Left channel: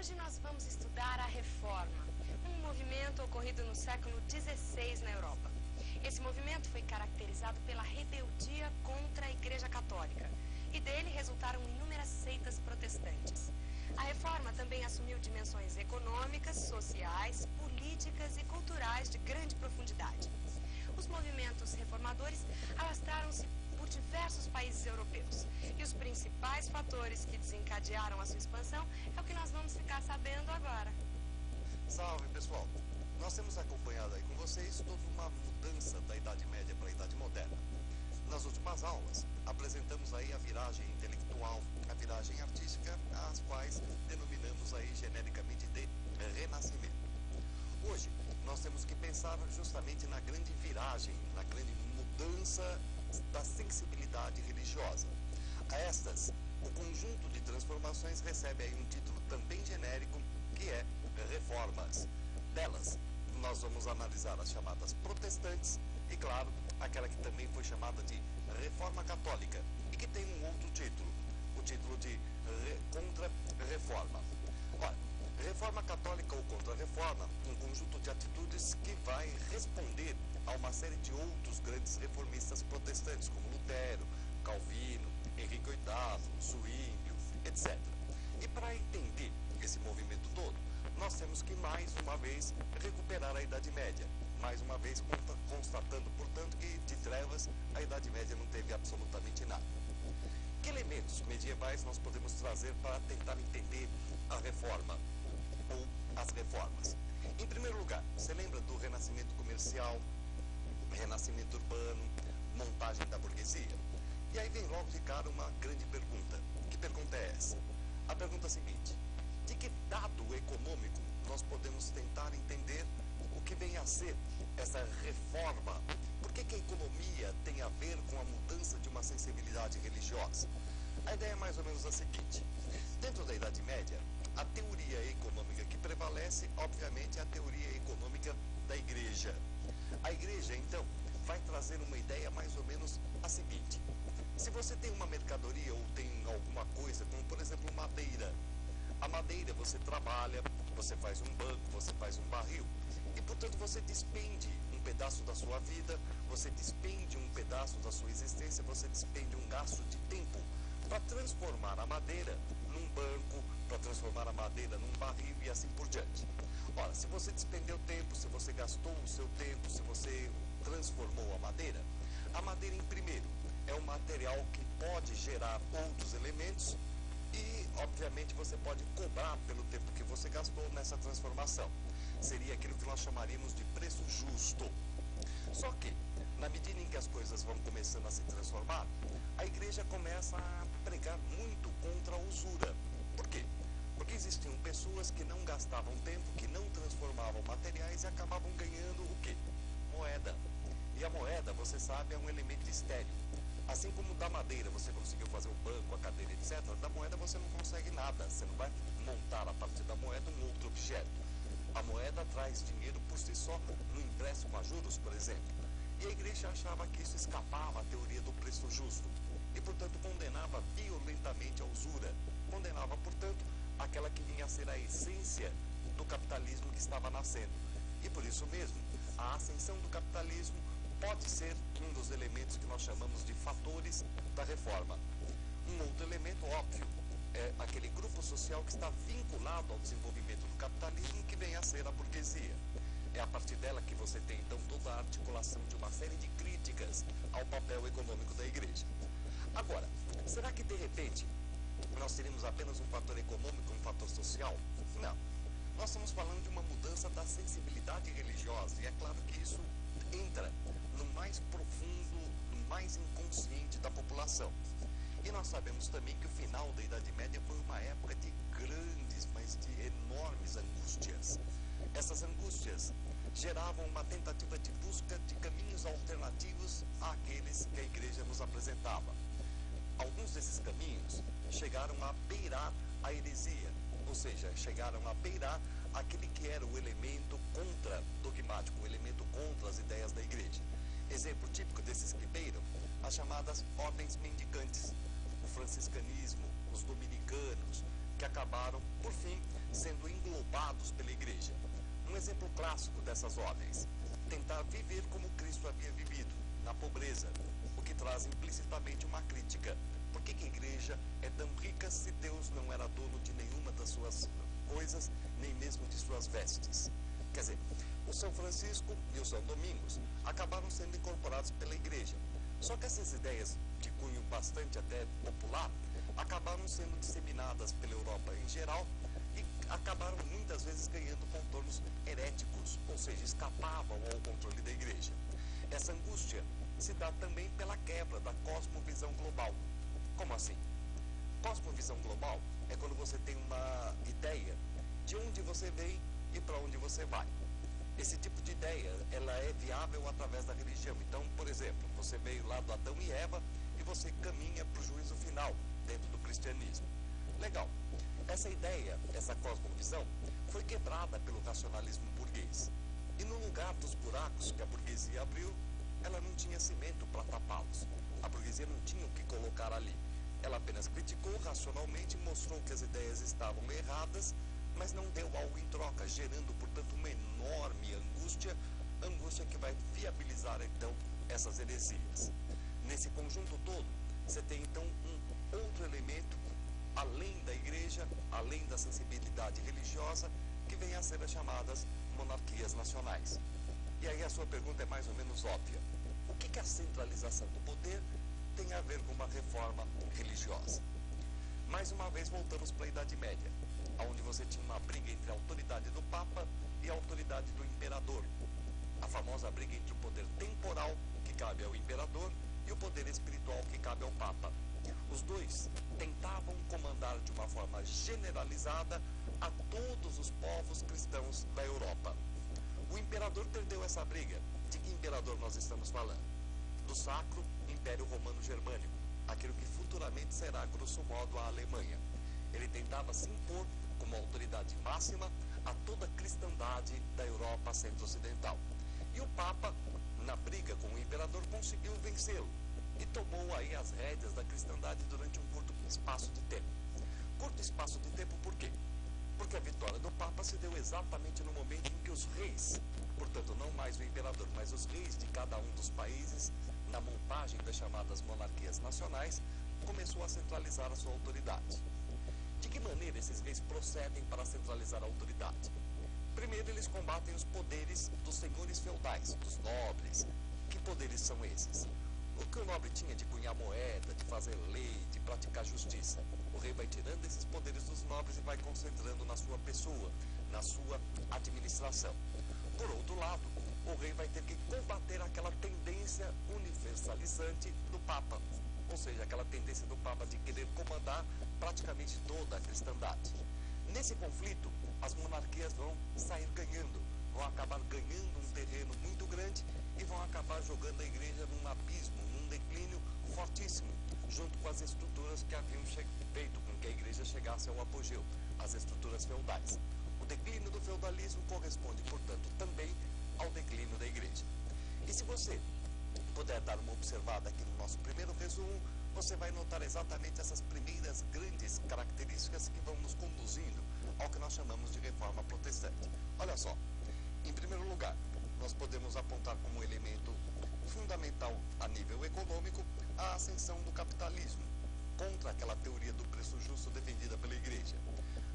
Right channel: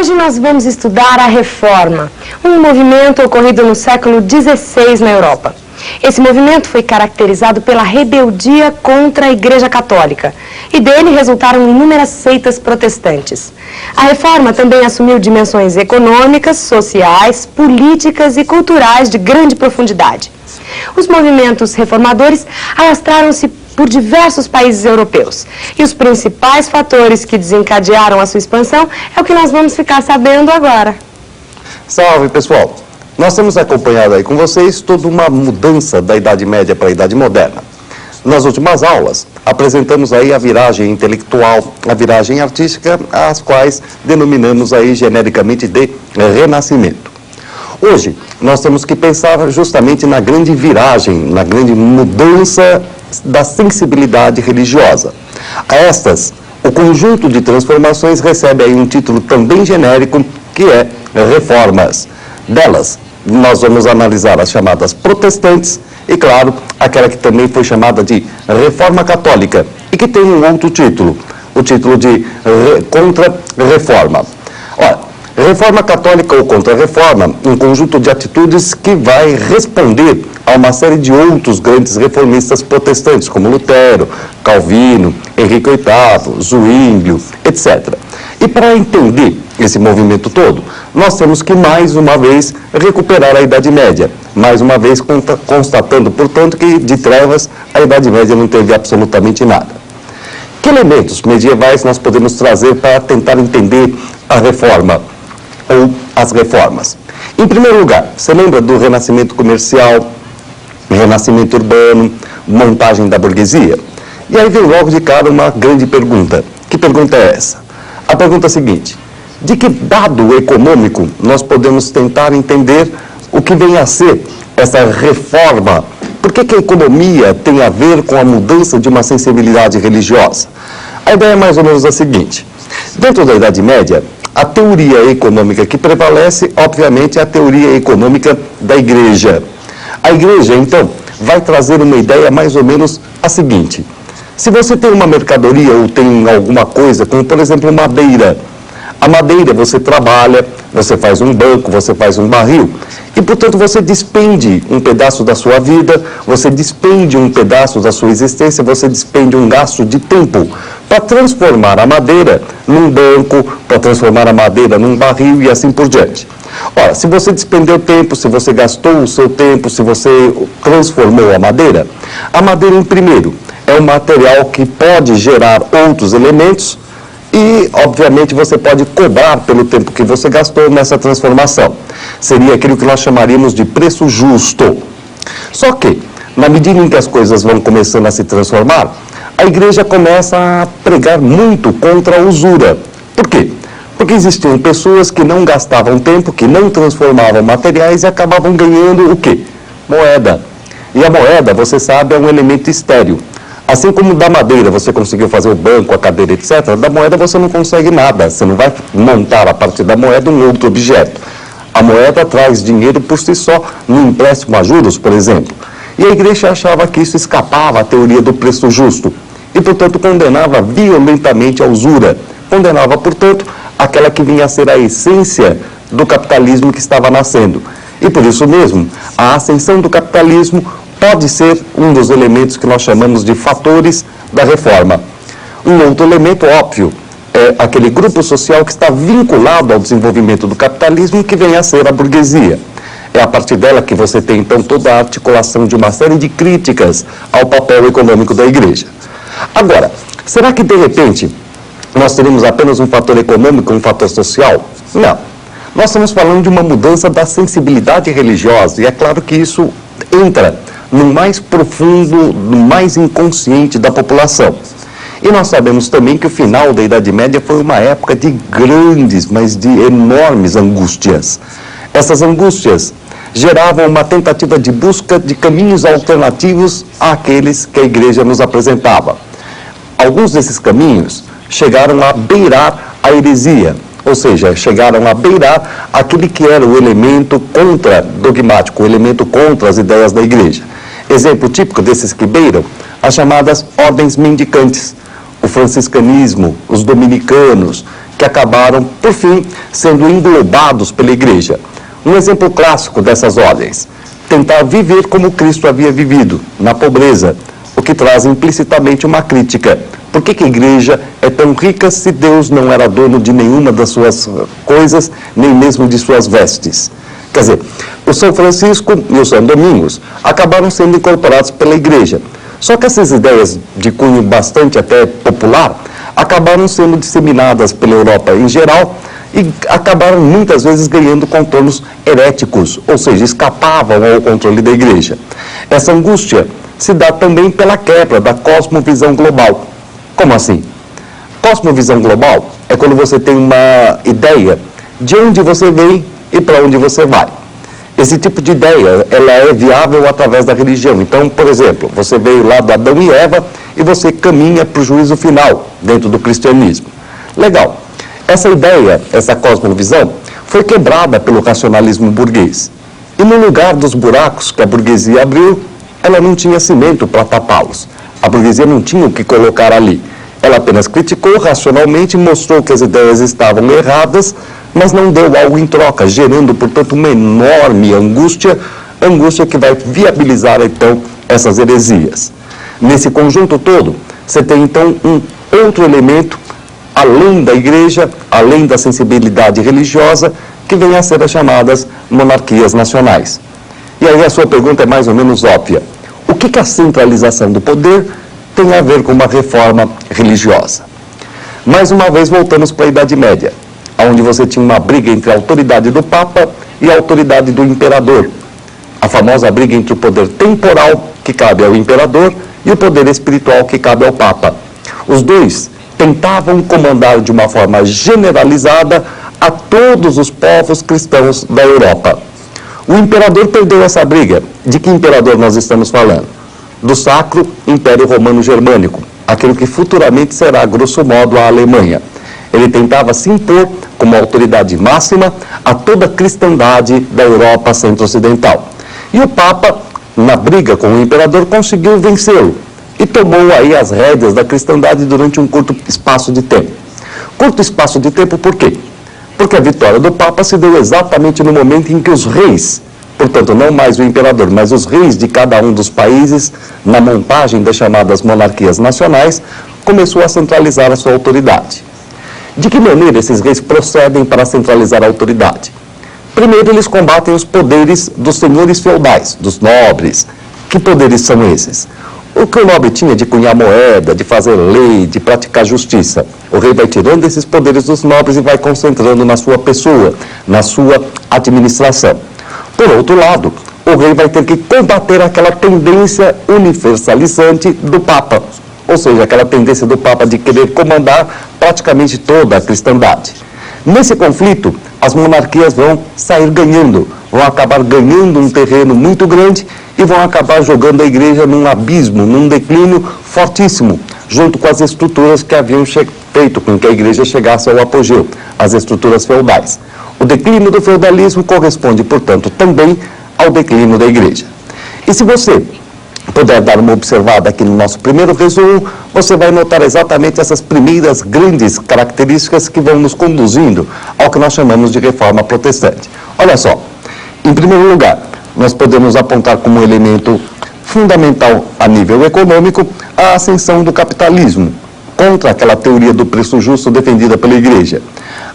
Hoje nós vamos estudar a Reforma, um movimento ocorrido no século XVI na Europa. Esse movimento foi caracterizado pela rebeldia contra a Igreja Católica e dele resultaram inúmeras seitas protestantes. A Reforma também assumiu dimensões econômicas, sociais, políticas e culturais de grande profundidade. Os movimentos reformadores alastraram-se por diversos países europeus. E os principais fatores que desencadearam a sua expansão é o que nós vamos ficar sabendo agora. Salve, pessoal! Nós temos acompanhado aí com vocês toda uma mudança da Idade Média para a Idade Moderna. Nas últimas aulas, apresentamos aí a viragem intelectual, a viragem artística, as quais denominamos aí genericamente de Renascimento. Hoje, nós temos que pensar justamente na grande viragem, na grande mudança da sensibilidade religiosa. A estas, o conjunto de transformações recebe aí um título também genérico, que é Reformas. Delas, nós vamos analisar as chamadas protestantes e, claro, aquela que também foi chamada de Reforma Católica e que tem um outro título, o título de Contra-Reforma. Olha, Reforma Católica ou Contra-Reforma, um conjunto de atitudes que vai responder a uma série de outros grandes reformistas protestantes, como Lutero, Calvino, Henrique VIII, Zwinglio, etc. E para entender esse movimento todo, nós temos que, mais uma vez, recuperar a Idade Média. Mais uma vez, constatando, portanto, que de trevas a Idade Média não teve absolutamente nada. Que elementos medievais nós podemos trazer para tentar entender a Reforma ou as reformas? Em primeiro lugar, você lembra do renascimento comercial, renascimento urbano, montagem da burguesia? E aí vem logo de cara uma grande pergunta. Que pergunta é essa? A pergunta é a seguinte: de que dado econômico nós podemos tentar entender o que vem a ser essa reforma? Por que a economia tem a ver com a mudança de uma sensibilidade religiosa? A ideia é mais ou menos a seguinte: dentro da Idade Média, a teoria econômica que prevalece, obviamente, é a teoria econômica da Igreja. A Igreja, então, vai trazer uma ideia mais ou menos a seguinte: se você tem uma mercadoria ou tem alguma coisa, como por exemplo madeira, a madeira você trabalha, você faz um banco, você faz um barril, e portanto você despende um pedaço da sua vida, você despende um pedaço da sua existência, você despende um gasto de tempo para transformar a madeira num banco, para transformar a madeira num barril e assim por diante. Ora, se você despendeu tempo, se você gastou o seu tempo, se você transformou a madeira em primeiro é um material que pode gerar outros elementos e, obviamente, você pode cobrar pelo tempo que você gastou nessa transformação. Seria aquilo que nós chamaríamos de preço justo. Só que, na medida em que as coisas vão começando a se transformar, a Igreja começa a pregar muito contra a usura. Por quê? Porque existiam pessoas que não gastavam tempo, que não transformavam materiais e acabavam ganhando o quê? Moeda. E a moeda, você sabe, é um elemento estéril. Assim como da madeira você conseguiu fazer o banco, a cadeira, etc., da moeda você não consegue nada. Você não vai montar a partir da moeda um outro objeto. A moeda traz dinheiro por si só, no empréstimo a juros, por exemplo. E a Igreja achava que isso escapava à teoria do preço justo. E, portanto, condenava violentamente a usura. Condenava, portanto, aquela que vinha a ser a essência do capitalismo que estava nascendo. E por isso mesmo, a ascensão do capitalismo pode ser um dos elementos que nós chamamos de fatores da reforma. Um outro elemento óbvio é aquele grupo social que está vinculado ao desenvolvimento do capitalismo, que vem a ser a burguesia. É a partir dela que você tem, então, toda a articulação de uma série de críticas ao papel econômico da Igreja. Agora, será que, de repente, nós teremos apenas um fator econômico, um fator social? Não. Nós estamos falando de uma mudança da sensibilidade religiosa, e é claro que isso entra no mais profundo, no mais inconsciente da população. E nós sabemos também que o final da Idade Média foi uma época de grandes, mas de enormes angústias. Essas angústias geravam uma tentativa de busca de caminhos alternativos àqueles que a Igreja nos apresentava. Alguns desses caminhos chegaram a beirar a heresia, ou seja, chegaram a beirar aquele que era o elemento contra-dogmático, o elemento contra as ideias da Igreja. Exemplo típico desses que beiram, as chamadas ordens mendicantes, o franciscanismo, os dominicanos, que acabaram, por fim, sendo englobados pela igreja. Um exemplo clássico dessas ordens: tentar viver como Cristo havia vivido, na pobreza, o que traz implicitamente uma crítica. Por que a igreja é tão rica se Deus não era dono de nenhuma das suas coisas, nem mesmo de suas vestes? Quer dizer, o São Francisco e o São Domingos acabaram sendo incorporados pela igreja. Só que essas ideias de cunho bastante até popular acabaram sendo disseminadas pela Europa em geral e acabaram muitas vezes ganhando contornos heréticos, ou seja, escapavam ao controle da igreja. Essa angústia se dá também pela quebra da cosmovisão global. Como assim? Cosmovisão global é quando você tem uma ideia de onde você vem e para onde você vai. Esse tipo de ideia, ela é viável através da religião. Então, por exemplo, você veio lá do Adão e Eva e você caminha para o juízo final dentro do cristianismo. Legal. Essa ideia, essa cosmovisão, foi quebrada pelo racionalismo burguês. E no lugar dos buracos que a burguesia abriu, ela não tinha cimento para tapá-los. A burguesia não tinha o que colocar ali. Ela apenas criticou racionalmente, mostrou que as ideias estavam erradas, mas não deu algo em troca, gerando, portanto, uma enorme angústia que vai viabilizar, então, essas heresias. Nesse conjunto todo, você tem, então, um outro elemento, além da igreja, além da sensibilidade religiosa, que vem a ser as chamadas monarquias nacionais. E aí a sua pergunta é mais ou menos óbvia. O que a centralização do poder tem a ver com uma reforma religiosa? Mais uma vez, voltamos para a Idade Média, onde você tinha uma briga entre a autoridade do Papa e a autoridade do imperador. A famosa briga entre o poder temporal, que cabe ao imperador, e o poder espiritual, que cabe ao Papa. Os dois tentavam comandar de uma forma generalizada a todos os povos cristãos da Europa. O imperador perdeu essa briga. De que imperador nós estamos falando? Do Sacro Império Romano Germânico, aquele que futuramente será, grosso modo, a Alemanha. Ele tentava se impor como autoridade máxima a toda a cristandade da Europa centro-ocidental. E o Papa, na briga com o imperador, conseguiu vencê-lo e tomou aí as rédeas da cristandade durante um curto espaço de tempo. Curto espaço de tempo por quê? Porque a vitória do Papa se deu exatamente no momento em que os reis, portanto, não mais o imperador, mas os reis de cada um dos países, na montagem das chamadas monarquias nacionais, começou a centralizar a sua autoridade. De que maneira esses reis procedem para centralizar a autoridade? Primeiro, eles combatem os poderes dos senhores feudais, dos nobres. Que poderes são esses? O que o nobre tinha de cunhar moeda, de fazer lei, de praticar justiça. O rei vai tirando esses poderes dos nobres e vai concentrando na sua pessoa, na sua administração. Por outro lado, o rei vai ter que combater aquela tendência universalizante do Papa. Ou seja, aquela tendência do Papa de querer comandar praticamente toda a cristandade. Nesse conflito, as monarquias vão sair ganhando, vão acabar ganhando um terreno muito grande e vão acabar jogando a igreja num abismo, num declínio fortíssimo, junto com as estruturas que haviam feito com que a igreja chegasse ao apogeu, as estruturas feudais. O declínio do feudalismo corresponde, portanto, também ao declínio da igreja. E se você puder dar uma observada aqui no nosso primeiro resumo, você vai notar exatamente essas primeiras grandes características que vão nos conduzindo ao que nós chamamos de reforma protestante. Olha só, em primeiro lugar, nós podemos apontar como elemento fundamental a nível econômico a ascensão do capitalismo, contra aquela teoria do preço justo defendida pela igreja.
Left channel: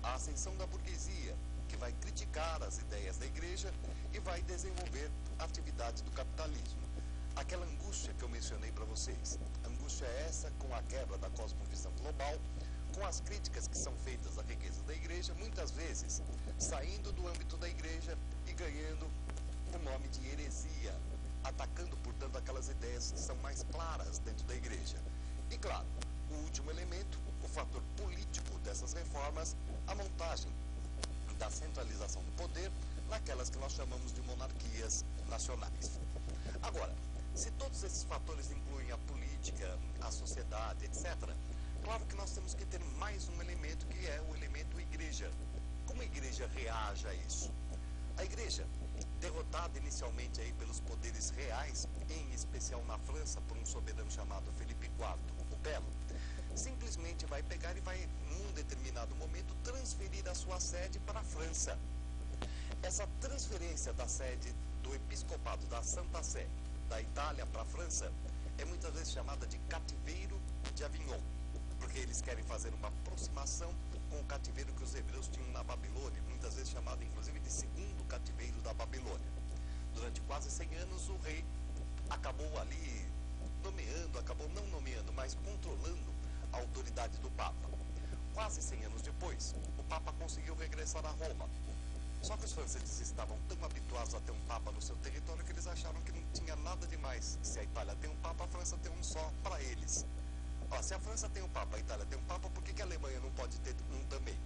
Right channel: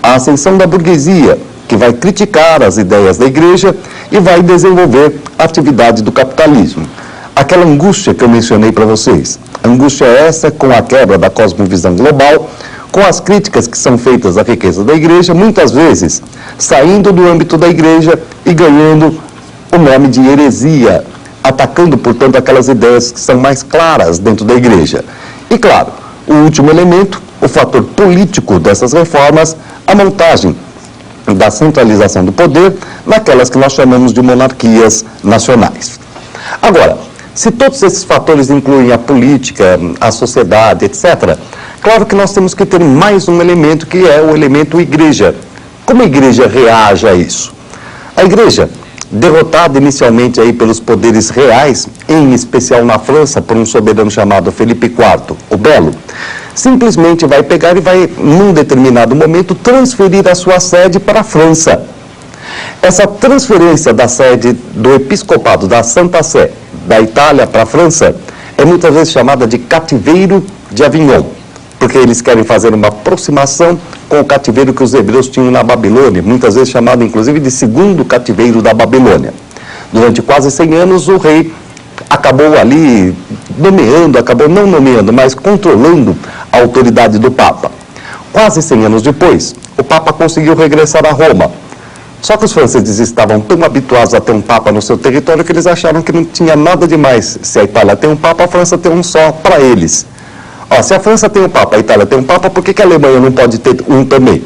A ascensão da burguesia, que vai criticar as ideias da igreja e vai desenvolver a atividade do capitalismo. Aquela angústia que eu mencionei para vocês, angústia essa com a quebra da cosmovisão global, com as críticas que são feitas à riqueza da igreja, muitas vezes saindo do âmbito da igreja e ganhando o nome de heresia, atacando, portanto, aquelas ideias que são mais claras dentro da igreja. E, claro, o último elemento, o fator político dessas reformas, a montagem da centralização do poder naquelas que nós chamamos de monarquias nacionais. Agora, se todos esses fatores incluem a política, a sociedade, etc., claro que nós temos que ter mais um elemento, que é o elemento igreja. Como a igreja reage a isso? A igreja, derrotada inicialmente aí pelos poderes reais, em especial na França, por um soberano chamado Felipe IV, o Belo, simplesmente vai pegar e vai, num determinado momento, transferir a sua sede para a França. Essa transferência da sede do episcopado da Santa Sé, da Itália para a França, é muitas vezes chamada de cativeiro de Avignon, porque eles querem fazer uma aproximação com o cativeiro que os hebreus tinham na Babilônia, muitas vezes chamado inclusive de segundo cativeiro da Babilônia. Durante quase 100 anos o rei acabou ali nomeando, acabou não nomeando, mas controlando a autoridade do Papa. Quase 100 anos depois, o Papa conseguiu regressar a Roma. Só que os franceses estavam tão habituados a ter um Papa no seu território que eles acharam que não tinha nada demais. Se a Itália tem um Papa, a França tem um só para eles. Se a França tem um Papa, a Itália tem um Papa, por que a Alemanha não pode ter um também?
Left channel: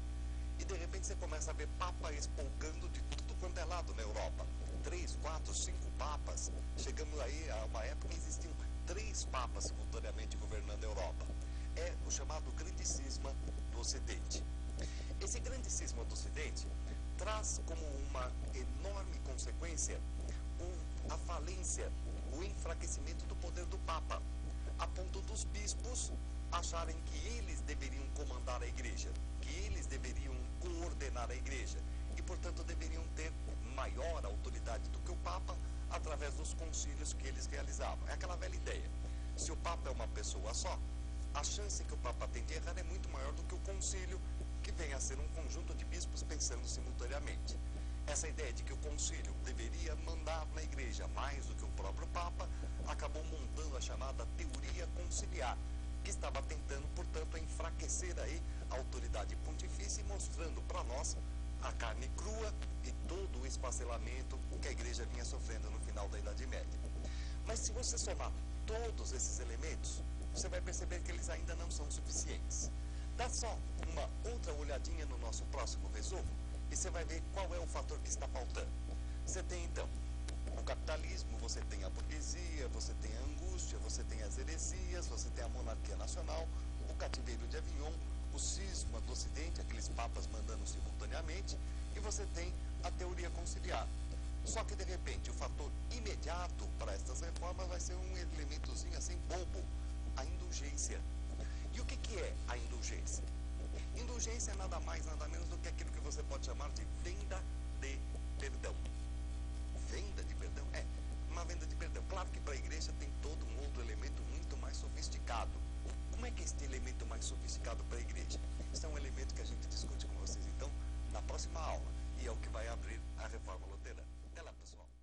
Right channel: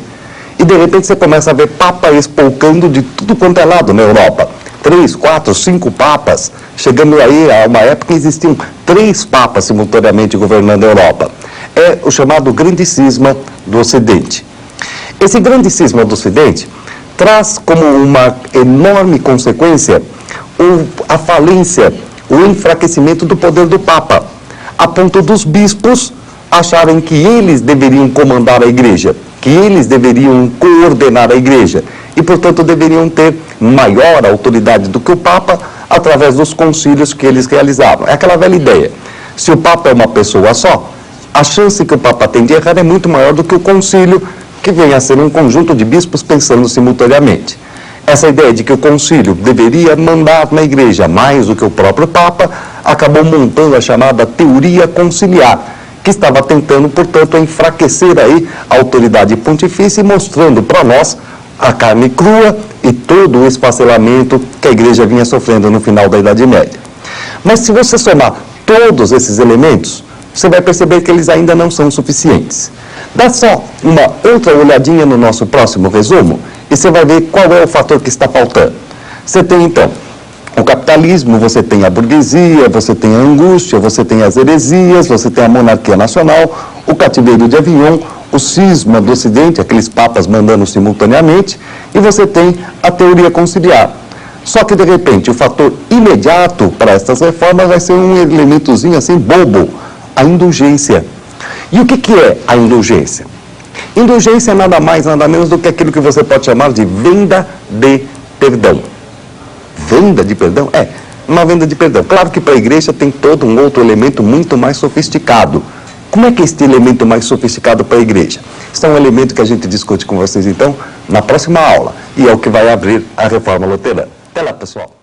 E de repente você começa a ver Papa espolcando de tudo quanto é lado na Europa. 3, 4, 5 papas, chegando aí a uma época que existiam 3 papas simultaneamente governando a Europa. É o chamado grande cisma do Ocidente. Esse grande cisma do Ocidente traz como uma enorme consequência a falência, o enfraquecimento do poder do Papa, a ponto dos bispos acharem que eles deveriam comandar a igreja, que eles deveriam coordenar a igreja e, portanto, deveriam ter maior autoridade do que o Papa através dos concílios que eles realizavam. É aquela velha ideia. Se o Papa é uma pessoa só, a chance que o Papa tem de errar é muito maior do que o concílio, que vem a ser um conjunto de bispos pensando simultaneamente. Essa ideia de que o concílio deveria mandar na igreja mais do que o próprio Papa acabou montando a chamada teoria conciliar, que estava tentando, portanto, enfraquecer aí a autoridade pontifícia e mostrando para nós a carne crua e todo o esfacelamento que a igreja vinha sofrendo no final da Idade Média. Mas se você somar todos esses elementos, você vai perceber que eles ainda não são suficientes. Dá só uma outra olhadinha no nosso próximo resumo e você vai ver qual é o fator que está faltando. Você tem, então, o capitalismo, você tem a burguesia, você tem a angústia, você tem as heresias, você tem a monarquia nacional, o cativeiro de Avignon, o cisma do Ocidente, aqueles papas mandando simultaneamente, e você tem a teoria conciliar. Só que, de repente, o fator imediato para estas reformas vai ser um elementozinho assim bobo, a indulgência. E o que é a indulgência? Indulgência é nada mais, nada menos do que aquilo que você pode chamar de venda de perdão. Venda de perdão? É, uma venda de perdão. Claro que para a igreja tem todo um outro elemento muito mais sofisticado. Como é que é este elemento mais sofisticado para a igreja? Isso é um elemento que a gente discute com vocês, então, na próxima aula. E é o que vai abrir a Reforma Luterana. Até lá, pessoal.